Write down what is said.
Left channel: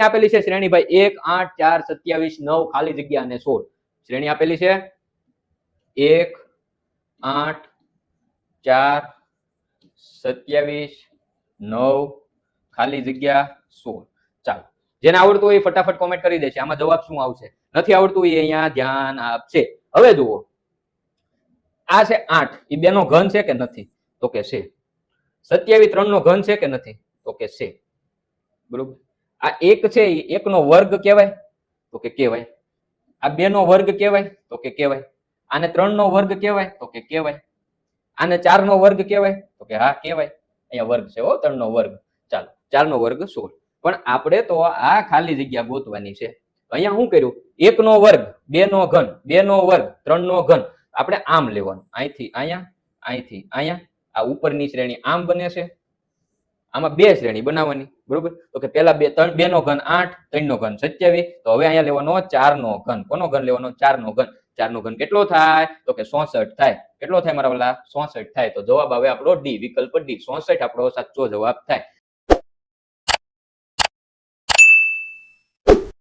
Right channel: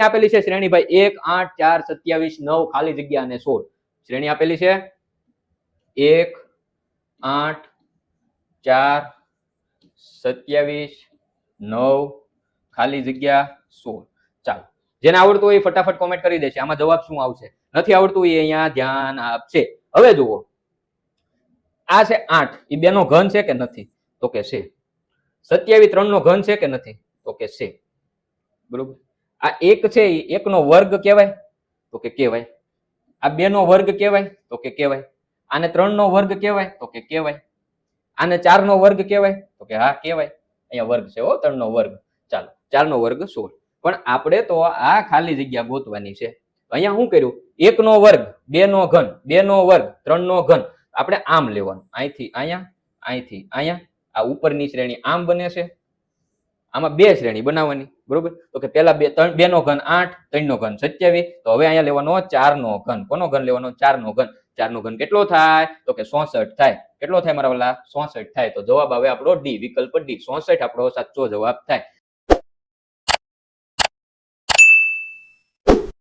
આપેલી છે શ્રેણી ભાઈ 1 8 4 27 9 ખાલી જગ્યા અને 16 શ્રેણી આપેલી છે 1 8 4 27 9 ખાલી જગ્યા 16 ચાલો જેને આવડતું હોય ફટાફટ કોમેન્ટ કરી દેશે આમાં જવાબ શું આવશે નથી આવડતું એ અહીંયા ધ્યાન આપશે હવે જુઓ આ છે 8 એ 2 નો ઘન છે કે નથી તો કે છે 27 3 નો ઘન છે કે નથી તો કે છે બરોબર આ 1 છે એ 1 નો વર્ગ કહેવાય તો કે કહેવાય આ 2 નો વર્ગ કહેવાય તો કે કહેવાય આને 3 નો વર્ગ કહેવાય તો કે કહેવાય આને 4 નો વર્ગ કહેવાય તો કે હા કહેવાય અહીંયા વર્ગ છે હો 3 નો વર્ગ ચાલો 4 નો વર્ગ 16 પણ આપણે તો આ ખાલી જગ્યા ગોતવાની છે અહીંયા શું કર્યું 1 નો વર્ગ 2 નો ઘન 2 નો વર્ગ 3 નો ઘન આપણે આમ લેવાનું અહીંથી અહીંયા આ ઉપરની શ્રેણી આમ બને છે આમાં બે શ્રેણી બનાવવાની બરોબર તો કે પેલા 2 નો ઘન 8 3 નો ઘન 27 તો હવે અહીંયા લેવાનો 4 નો ઘન કોનો ઘન લેવાનો 4 નો ઘન 4 નો ઘન કેટલો થાય તો કે 64 થાય કેટલો થાય મારા ઓલા 64 થાય તો જવાબ આવે આપણો ડી વિકલ્પ ડી 64 આપણો સાચો જવાબ થાય